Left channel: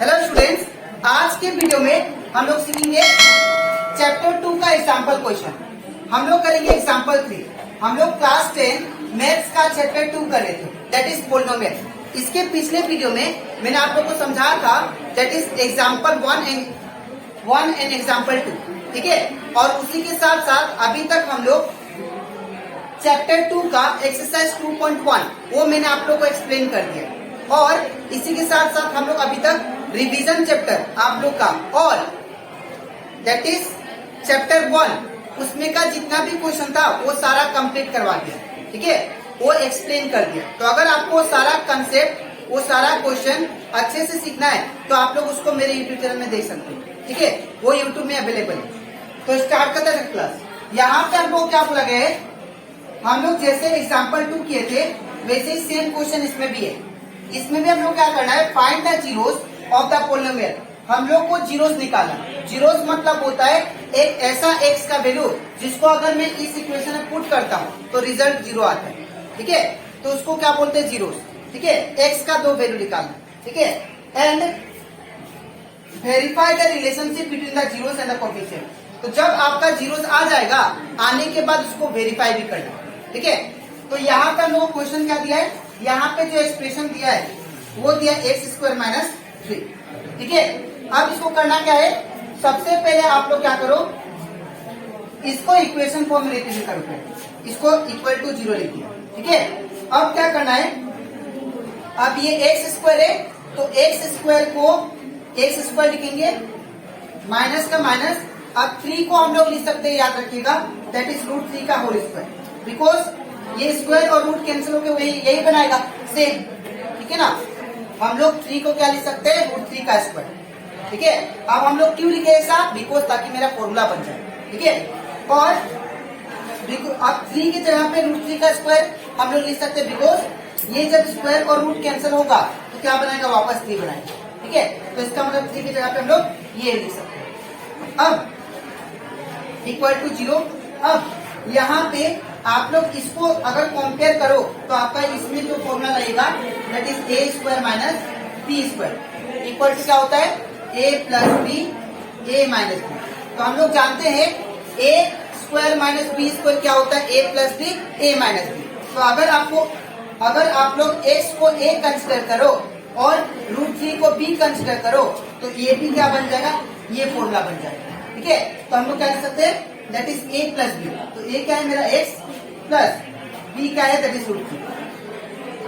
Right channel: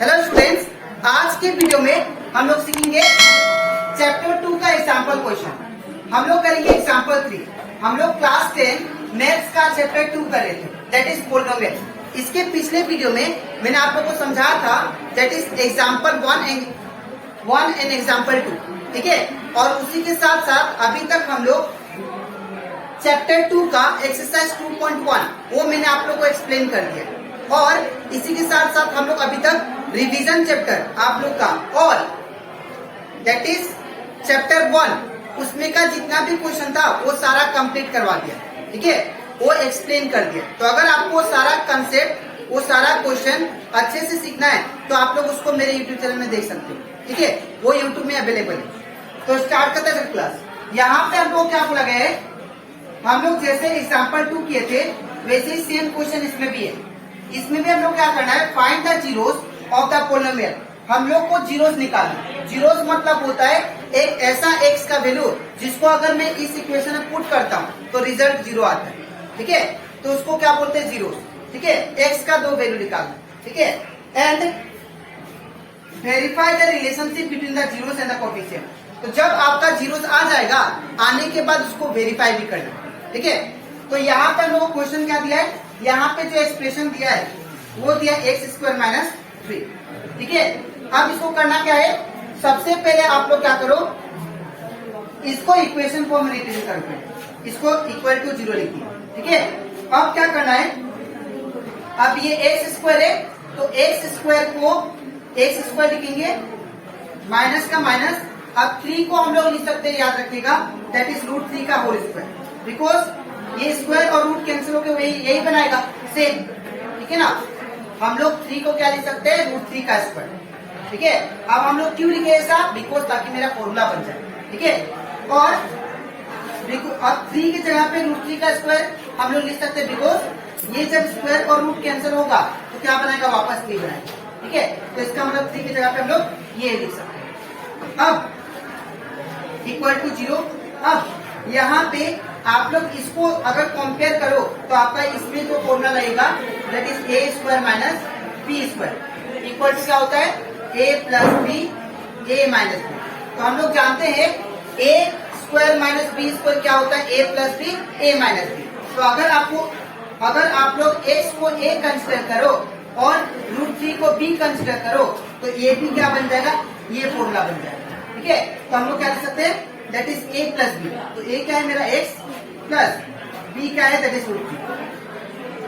Hello students, आज के video में हम लोग सीखेंगे चैप्टर 2 का एग्जाम्पल क्वेश्चन। हम लोग करेंगे एग्जाम्पल 3। हम लोग क्लास 10 मैथ्स का चैप्टर 2 कर रहे थे, दैट इज पोलिनोमियल। इसके पिछले वीडियो में मैंने आप लोग को समझाया था that is example 1 and example 2, ठीक है। और उसी के साथ साथ अभी तक हम लोग चैप्टर 2 का एक्सरसाइज 2.1 वो मैंने आप लोग को एक्सप्लेन कर दिया। और इसी के साथ साथ हम लोग अभी तक रिवीजन चैप्टर आप लोग का और दैट इज चैप्टर 1 उसमें का जितना भी क्वेश्चन था वो सारा कंप्लीट करवा दिया, ठीक है, वो एक्सप्लेन कर दिया। तो अगर आपको सारा कंसेप्ट वो सारा क्वेश्चन अच्छे से सीखना है तो आप लोग उसको मेरे यूट्यूब चैनल में देख सकते हैं, ठीक है, वो यूट्यूब में अवेलेबल है। तो स्टार्ट करते हैं क्लास। यहाँ पे हम लोग क्या बोला गया है, हम लोग जैसे एग्जाम्पल 2 किए थे वैसे ही सेम क्वेश्चन इसमें भी है। इसमें भी हम लोग क्या करना है, find the zeros of the polynomial. हम लोग को जीरोस निकालना। जीरोस मतलब होता है एक ऐसा एक्स का वैल्यू जिसको अगर मैं इस इक्वेशन में पुट करता हूँ तो रिजल्ट 0 आता है, ठीक है। तो उसको क्या बोलते हैं, जीरोस, ठीक है। एक्स का 2 वैल्यू निकालना, ठीक है। And verify the relationship between the zeros and the coefficient. तो जब आपका जीरोस आ जाएगा, आने के बाद उसको वेरीफाई भी करना, ठीक है। तो यहाँ पर लोग क्वेश्चन क्या दिया है, यहाँ पे जो एक्सप्रेशन दिया है वो दिया x² - 3, ठीक है। अब इसको करना क्या है, सबसे पहले आप लोग क्या करो, इसको इक्वेशन फॉर्म में रिप्रेजेंट करो, इसको इक्वल टू 0 लिखिए, ठीक है। अब क्या करना है, अब ये x² है तो x² को x² लिखेंगे, माइनस का माइनस। अब 3 को हम लोग लिख सकते हैं, याद रखिएगा, दैट इज √3 का होल स्क्वायर, बिकॉज ये स्क्वायर और रूट कैंसिल होकर यही बनाएगा सेम, ठीक है ना। हम लोग 3 को क्या लिख सकते हैं, √3 का स्क्वायर, ठीक है। अब हम लोग क्यों लिखे ऐसा, बिकॉज ताकि मेरा फॉर्मूला बन जाए, ठीक है। और अब 3 की जगह पे √3 का स्क्वायर हम लोग लिख सकते हैं, बिकॉज ये जब स्क्वायर और रूट कैंसिल होगा तो क्या बनाएगा, वापस 3 बनाएगा, ठीक है। तो इसका मतलब 3 की जगह पे हम लोग ये लिख सकते हैं। अब इक्वल टू 0। अब यहाँ पे आप लोग इसको अगर कंपेयर करो तो आपका इसमें जो फॉर्मूला रहेगा that is a² - b² equal to क्या होता है, a + b a - b। तो हम लोग जानते हैं a² - b² क्या होता है, a + b a - b। तो अगर आप लोग x को a कंसिडर करो और √3 को b कंसिडर करो तो ये भी क्या बन जाएगा, ये फॉर्मूला बन जाएगा, ठीक है। तो हम लोग क्या कर सकते हैं, दैट इज a + b। तो a क्या है मेरा x प्लस b क्या है, दैट इज √3।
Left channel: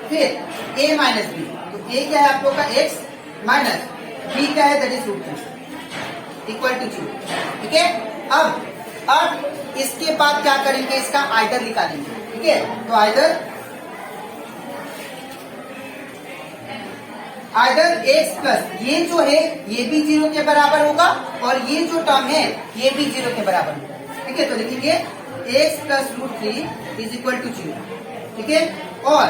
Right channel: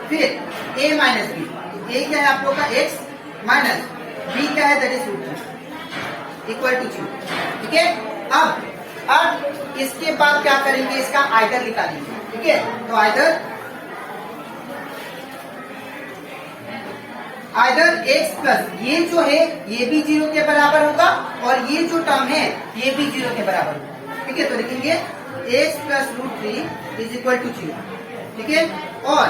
फिर a - b, तो a क्या है आप लोग का x माइनस b क्या है, दैट इज √3 इक्वल टू 0, ठीक है। अब इसके बाद क्या करेंगे, इसका आइडर निकालेंगे, ठीक है। तो आइडर x प्लस ये जो है ये भी 0 के बराबर होगा और ये जो टर्म है ये भी 0 के बराबर होगा, ठीक है। तो लिखेंगे x + √3 इज इक्वल टू 0, ठीक है। और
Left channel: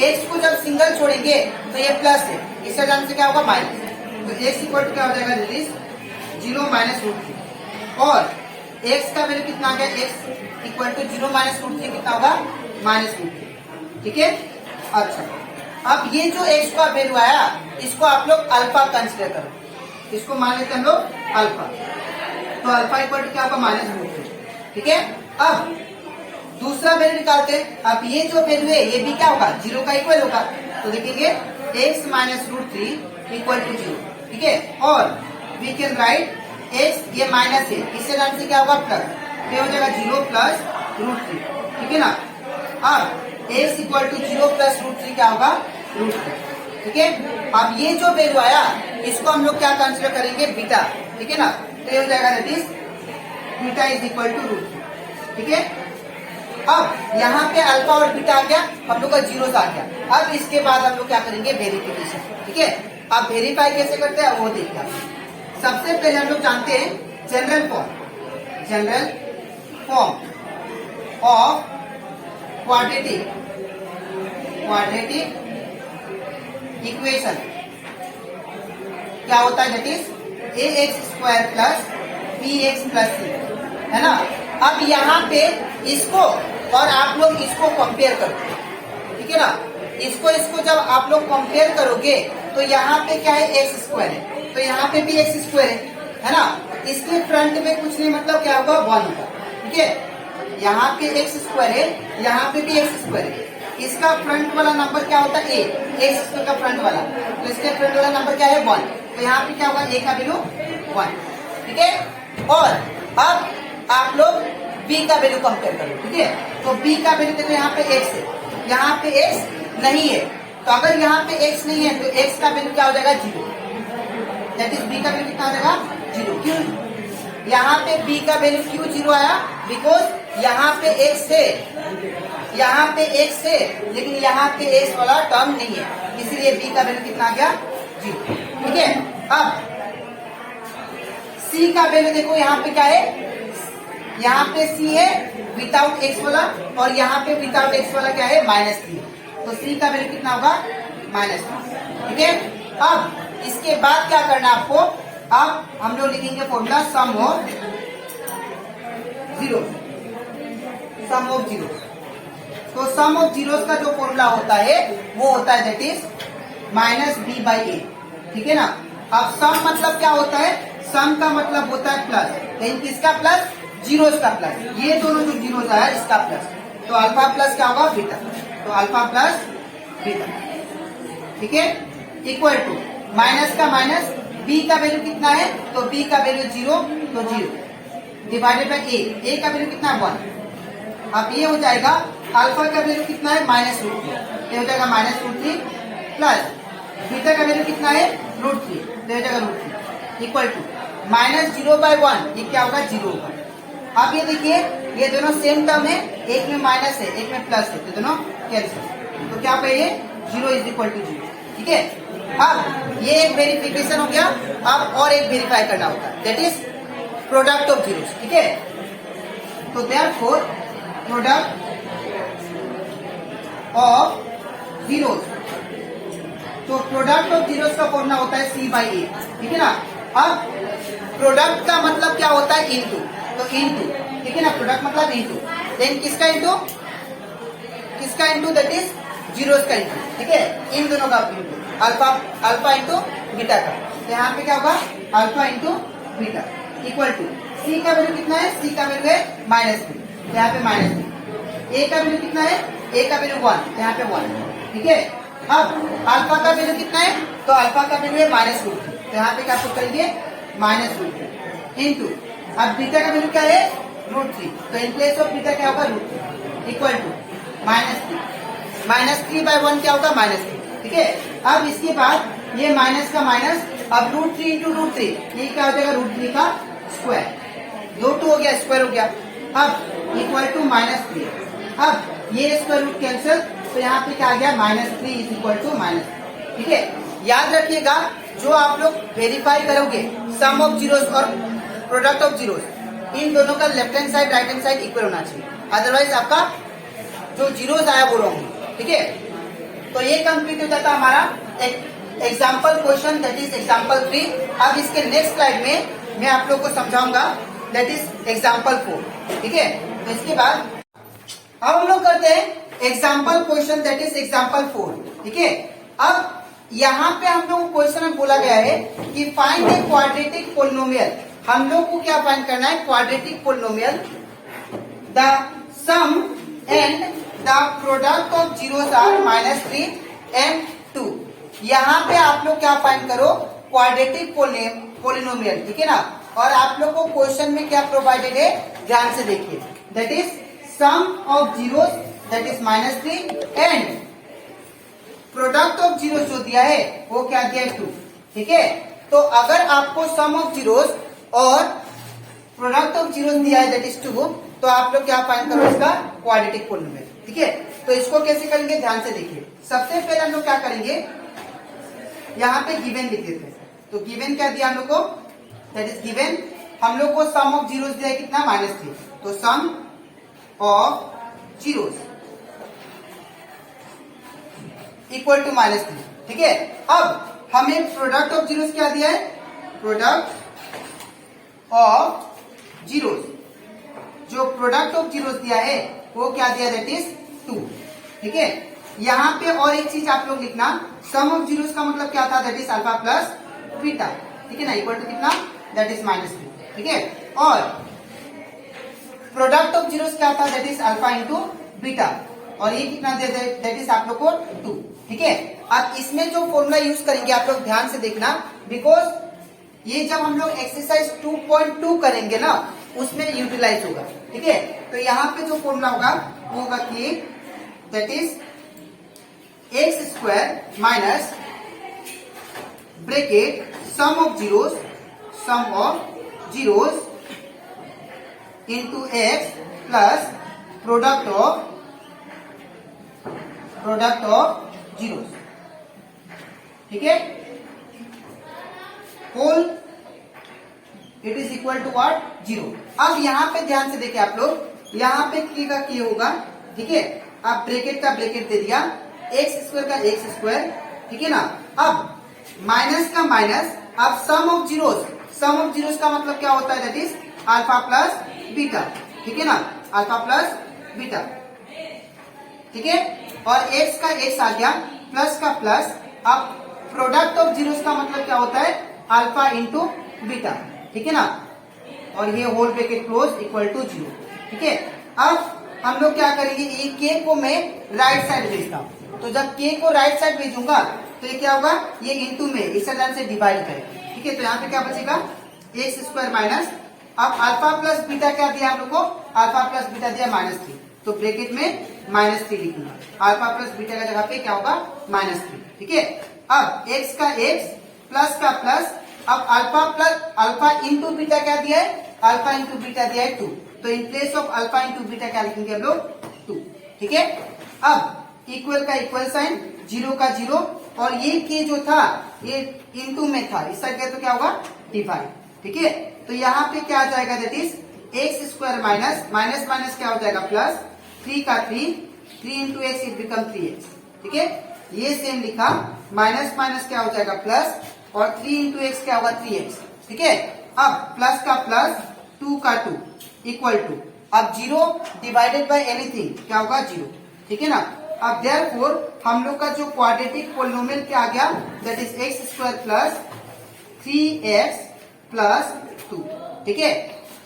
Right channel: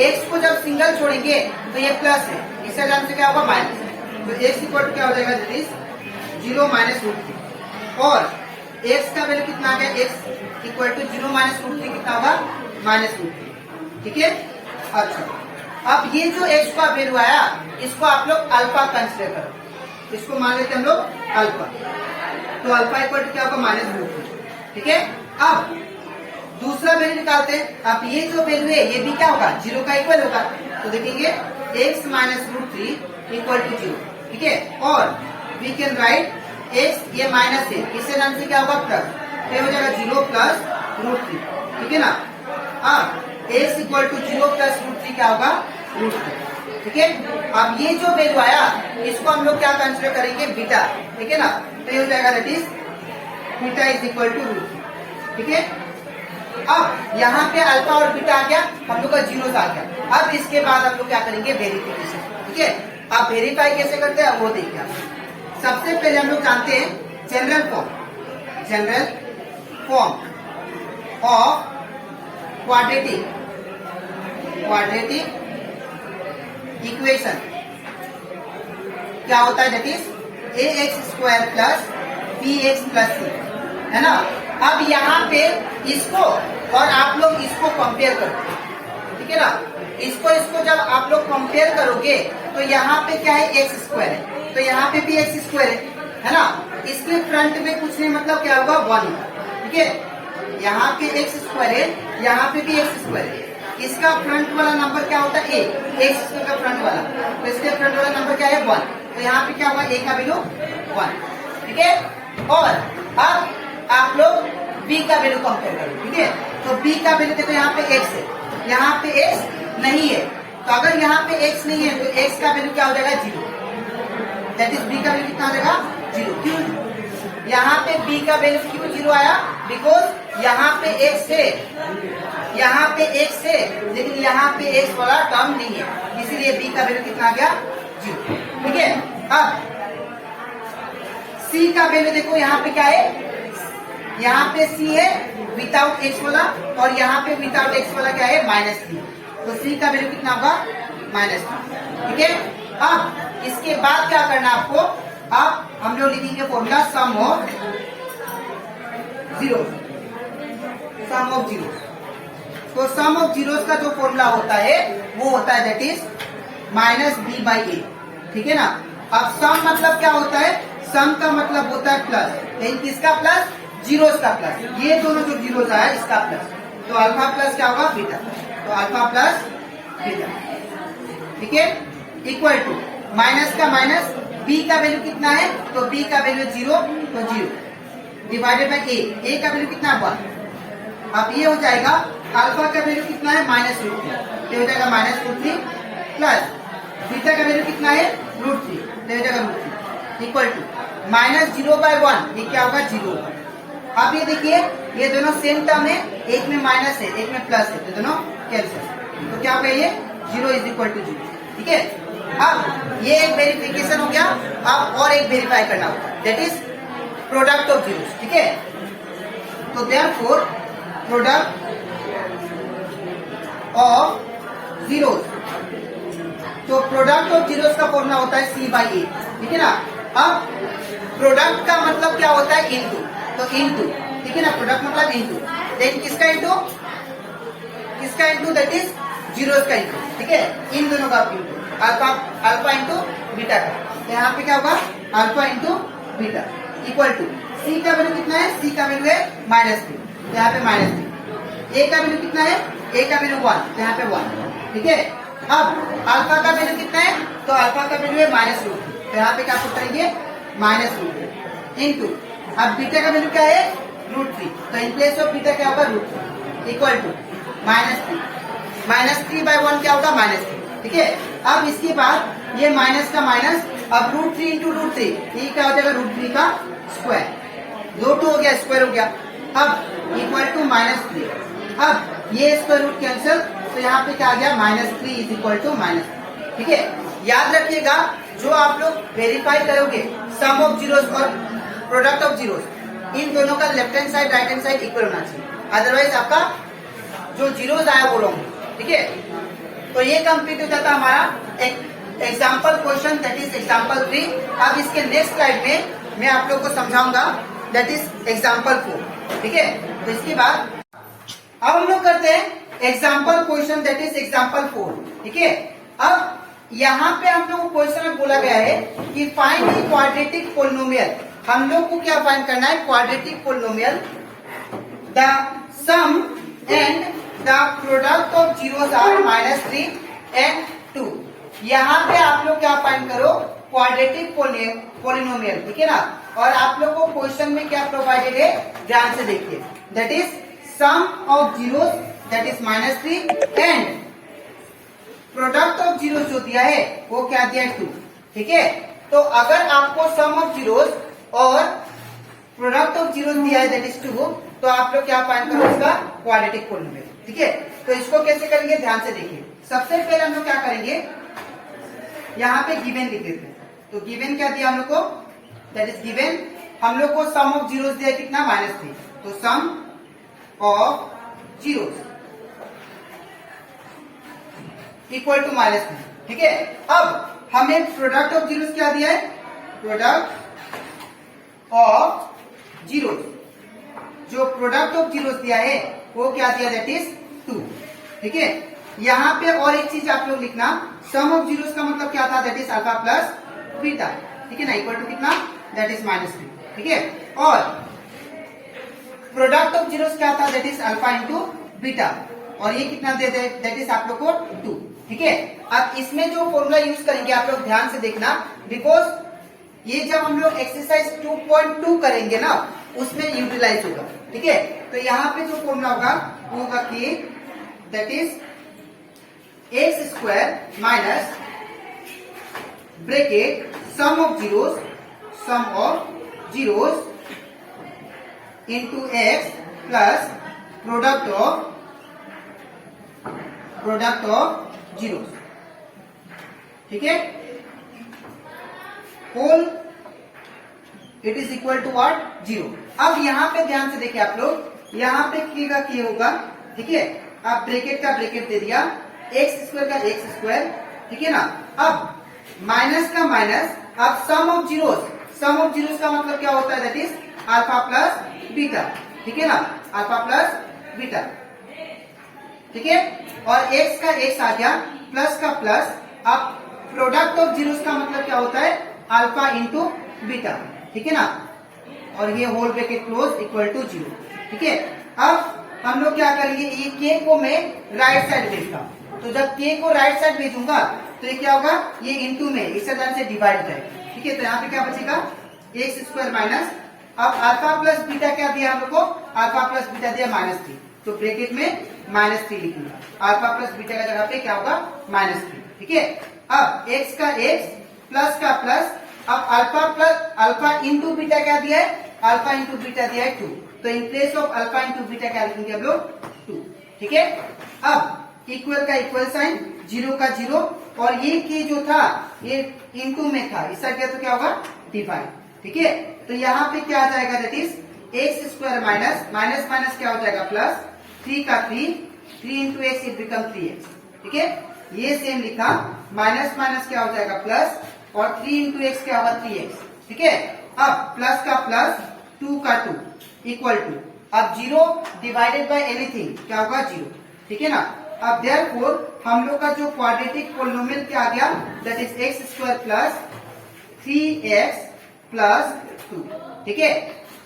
x को जब सिंगल छोड़ेंगे तो ये प्लस है, इसका जान से क्या होगा, माइनस। तो x इक्वल टू क्या हो जाएगा, दैट इज 0 - √3। और x का वैल्यू कितना आ गया, x इक्वल टू 0 - √3 कितना होगा, -√3, ठीक है। अच्छा, अब ये जो x का वैल्यू आया इसको आप लोग अल्फा कंसिडर करो, इसको मान लेते हम लोग अल्फा। तो अल्फा इक्वल टू क्या होगा, -√3, ठीक है। अब दूसरा वैल्यू निकालते हैं। अब ये जो वैल्यू है ये भी क्या होगा, 0 का इक्वल होगा। तो देखेंगे x - √3 इक्वल टू 0, ठीक है। और वी कैन राइट x, ये माइनस है, इससे नाम से क्या होगा, प्लस, तो हो जाएगा 0 + √3, ठीक है ना। अब x इक्वल टू 0 + √3 क्या होगा, √3, ठीक है। अब ये जो वैल्यू आया इसको हम लोग क्या कंसिडर करेंगे, बीटा, ठीक है ना। तो ये हो जाएगा that is beta is equal to √3, ठीक है। अब यहाँ पे अल्फा और बीटा आ गया, हम लोग का जीरोस आ गया। अब इसके बाद हम लोग क्या करेंगे, वेरिफिकेशन, ठीक है। अब वेरीफाई कैसे करते हैं वो देखना। सबसे पहले हम लोग जानते हैं general form of quadratic equation क्या होता है, that is ax² + bx + c, है ना। अब यहाँ पे इसको और आप लोग इसको कंपेयर करते हैं, ठीक है ना। इसको जब आप लोग कंपेयर करोगे तो यहाँ पे क्या है, एक्स स्क्वायर है, तो यहाँ पे भी एक्स स्क्वायर है ना। इसके फ्रंट में कुछ नहीं, मतलब क्या होगा, 1 होगा। ठीक है, यहाँ पे एक्स स्क्वायर है, यहाँ पे भी एक्स स्क्वायर है। इसका फ्रंट वाला नंबर क्या होता है, ए, एक्स स्क्वायर का फ्रंट वाला, तो इसके फ्रंट वाला नंबर क्या है, 1। तो यहाँ पे क्या होगा, ए का वैल्यू 1। ठीक है, और अब आप लोग बी का वैल्यू कंपेयर करो। ठीक है, तो बी का वैल्यू देखो, यहाँ पे एक्स है, यहाँ पे एक्स नहीं है, तो अगर यहाँ पे एक्स नहीं है तो एक्स का वैल्यू क्या हो जाएगा, 0। दैट इज बी का वैल्यू कितना आ जाएगा, 0। क्यों यहाँ पे बी का वैल्यू क्यों 0 आया, बिकॉज यहाँ पे एक्स है, यहाँ पे एक्स है, लेकिन यहाँ पे एक्स वाला टर्म नहीं है, इसीलिए बी का वैल्यू कितना आ गया, 0। ठीक है, अब सी का वैल्यू देखो, यहाँ पे क्या है, यहाँ पे सी है विदाउट एक्स वाला, और यहाँ पे विदाउट एक्स वाला क्या है, -3। तो सी का वैल्यू कितना होगा, -3। ठीक है, अब इसके बाद क्या करना आपको, अब हम लोग लिखेंगे फॉर्मूला सम ऑफ जीरो। तो सम ऑफ जीरोस का जो फॉर्मूला होता है वो होता है दैट इज -b/a। ठीक है ना। अब सम मतलब क्या होता है, सम का मतलब होता है प्लस, लेकिन किसका प्लस, जीरोस का प्लस, ये दोनों जो जीरोस है इसका प्लस, तो अल्फा प्लस क्या होगा, बीटा, तो अल्फा प्लस बीटा। ठीक है, इक्वल टू माइनस का माइनस, बी का वैल्यू कितना है, तो बी का वैल्यू 0, तो 0 डिवाइडेड बाई ए का वैल्यू कितना है, 1। अब ये हो जाएगा, अल्फा का वैल्यू कितना है, -√3, ये हो जाएगा -√3 प्लस बीटा का वैल्यू कितना है, √3, तो हो जाएगा √3 इक्वल टू -0/1, ये क्या होगा, 0 होगा। अब ये देखिए, ये दोनों सेम टर्म है, एक में माइनस है एक में प्लस है, तो दोनों कैंसिल, तो क्या होगा, ये 0 = 0। ठीक है, अब ये एक वेरिफिकेशन हो गया। अब और एक वेरीफाई करना होगा, that is product of zeros. ठीक है, तो देयरफॉर प्रोडक्ट ऑफ जीरोस, तो प्रोडक्ट ऑफ जीरोस का फॉर्मूला होता है c/a। ठीक है ना। अब प्रोडक्ट का मतलब क्या होता है, इनटू, तो इनटू, ठीक है ना, प्रोडक्ट मतलब इनटू, देन किसका इनटू, दैट इज जीरोस का इनटू। ठीक है, इन दोनों का इनटू, अल्फा इंटू बीटा का, तो यहाँ पे क्या होगा, alpha into beta equal to, C का वैल्यू कितना है, सी का वैल्यू है -3, तो यहाँ पे -3। ए का वैल्यू कितना है, ए का वैल्यू 1, तो यहाँ पे 1। ठीक है, अब अल्फा का वैल्यू कितना है, तो अल्फा का वैल्यू है -√3, तो यहाँ पे क्या पुट करेंगे, -√3 इंटू, अब बीटा का वैल्यू क्या है, √3, तो इन प्लेस ऑफ बीटा क्या होगा, √3 इक्वल टू -3/1 क्या होगा, -3। ठीक है, अब इसके बाद ये माइनस का माइनस, अब √3 इंटू √3, ये क्या हो जाएगा, √3 का स्क्वायर, 2 हो गया, स्क्वायर हो गया। अब इक्वल टू -3, अब ये स्क्वायर रूट कैंसिल, तो यहाँ पे क्या आ गया, -3 = -3। ठीक है, याद रखिएगा, जो आप लोग वेरीफाई करोगे सम ऑफ जीरोस और प्रोडक्ट ऑफ जीरोस, इन दोनों का left hand side right hand side equal होना चाहिए, अदरवाइज आपका जो जीरोस आया वो रॉन्ग। ठीक है, तो ये कंप्लीट हो जाता हमारा example question, that is example 3। अब इसके नेक्स्ट स्लाइड में मैं आप लोग को समझाऊंगा, दैट इज एग्जाम्पल 4। ठीक है, तो इसके बाद अब हम लोग करते हैं example question, that is example 4। ठीक है, अब यहाँ पे हम लोग क्वेश्चन में बोला गया है कि फाइंड ए क्वाड्रेटिक पोलिनोमियल। हम लोग को क्या फाइंड करना है, quadratic polynomial, the sum and the product of zeros are -3 and 2। यहाँ पे आप लोग क्या फाइंड करो, क्वाड्रेटिक पोलिनोमियल। ठीक है ना, और आप लोग को क्वेश्चन में क्या प्रोवाइडेड है, ध्यान से देखिए, that is sum of zeros, that is -3 and product of zeros जो दिया है वो क्या दिया है, 2। ठीक है, तो अगर आपको सम ऑफ जीरोस और प्रोडक्ट ऑफ जीरोस दिया है दैट इज 2, तो आप लोग क्या फाइंड करो, इसका क्वाड्रेटिक पोलिनोमियल। ठीक है, तो इसको कैसे करेंगे, ध्यान से देखिए। सबसे पहले हम लोग क्या करेंगे, यहाँ पे गिवन लिख देते हैं, तो गिवन क्या दिया हम लोग को, दैट इज गिवन, हम लोग को सम ऑफ जीरोस दिया है कितना, -3, तो सम ऑफ जीरोस इक्वल टू -3। ठीक है, अब हमें प्रोडक्ट ऑफ जीरोस क्या दिया है, प्रोडक्ट ऑफ जीरोस, जो प्रोडक्ट ऑफ जीरोस दिया है वो क्या दिया, दैट इज 2। ठीक है, यहाँ पे और एक चीज आप लोग लिखना, सम ऑफ जीरोस का मतलब क्या था, that is alpha plus beta, ठीक है ना, इक्वल टू कितना, दैट इज -3, ठीक है। और प्रोडक्ट ऑफ जीरोस क्या था, that is alpha into beta, और ये कितना दे दे, दैट इज आप लोग को 2, ठीक है। अब इसमें जो फॉर्मूला यूज करेंगे आप लोग ध्यान से देखना, बिकॉज ये जब हम लोग एक्सरसाइज 2.2 करेंगे ना उसमें यूटिलाइज होगा, ठीक है। तो यहाँ पे जो फॉर्मूला होगा वो होगा कि that is x square minus bracket sum of zeros into x plus product of zeros, ठीक है, whole it is equal to what, 0। अब यहाँ पे ध्यान से देखिए आप लोग, यहाँ पे की का की होगा, ठीक है। अब ब्रैकेट का ब्रैकेट दे दिया, एक्स स्क्वायर का एक्स स्क्वायर, ठीक है ना। अब माइनस का माइनस, अब सम ऑफ जीरोस का मतलब क्या होता है, that is alpha plus beta, ठीक है ना, अल्फा प्लस बीटा, ठीक है। और एक्स का एक्स आ गया, प्लस का प्लस, अब प्रोडक्ट ऑफ जीरोस का मतलब क्या होता है, अल्फा इंटू बीटा, ठीक है ना, और ये whole bracket close equal to 0, ठीक है। अब हम लोग क्या करेंगे, ये के को मैं राइट साइड भेजता हूँ, तो जब के को राइट साइड भेजूंगा तो ये क्या होगा, ये इंटू में इस तरह से डिवाइड करेंगे, ठीक है। तो यहाँ पे क्या बचेगा, एक्स स्क्वायर माइनस, अब अल्फा प्लस बीटा क्या दिया आप लोग को, अल्फा प्लस बीटा दिया -3, तो ब्रैकेट में -3 लिखूंगा, अल्फा प्लस बीटा का जगह पे क्या होगा, -3, ठीक है। अब x का x प्लस का प्लस, अब अल्फा इंटू बीटा क्या दिया है, अल्फा इंटू बीटा दिया है 2, तो in place of alpha into beta क्या लिखेंगे हम लोग, 2, ठीक है। अब इक्वल का इक्वल साइन, 0 का 0, और ये की जो था ये इंटू में था, इस साइड गया तो क्या होगा, डिवाइड, ठीक है। तो यहाँ पे क्या आ जाएगा, that is x square minus minus minus क्या हो जाएगा, प्लस 3 का 3 into x it become 3x, ठीक है। ये सेम लिखा, माइनस माइनस क्या हो जाएगा प्लस, और 3 इंटू एक्स क्या होगा 3x, ठीक है। अब प्लस का प्लस, 2 का 2 इक्वल टू, अब 0 डिवाइडेड बाय एनीथिंग क्या होगा, 0, ठीक है ना। अब देयरफॉर हम लोग का जो क्वाड्रेटिक पोलिनोमियल क्या आ गया, that is x square plus 3x plus 2, ठीक है।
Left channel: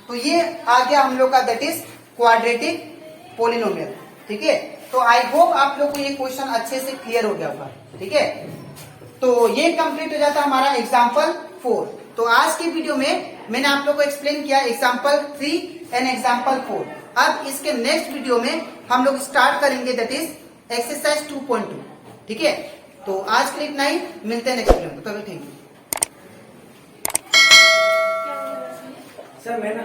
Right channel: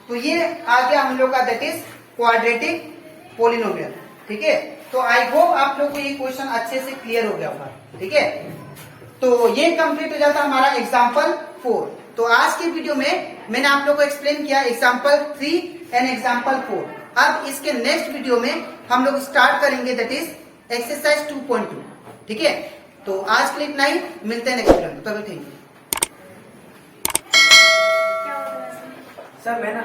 तो ये आ गया हम लोग का, दैट इज क्वाड्रेटिक पोलिनोमियल, ठीक है। तो आई होप आप लोग को ये क्वेश्चन अच्छे से क्लियर हो गया होगा, ठीक है। तो ये कंप्लीट हो जाता हमारा एग्जाम्पल 4। तो आज की वीडियो में मैंने आप लोग को एक्सप्लेन किया एग्जाम्पल 3 एंड एग्जाम्पल 4। अब इसके नेक्स्ट वीडियो में हम लोग स्टार्ट करेंगे, दैट इज एक्सरसाइज 2.2, ठीक है। तो आज के लिए इतना ही, मिलते हैं नेक्स्ट वीडियो में, तो थैंक यू। सर मैं ना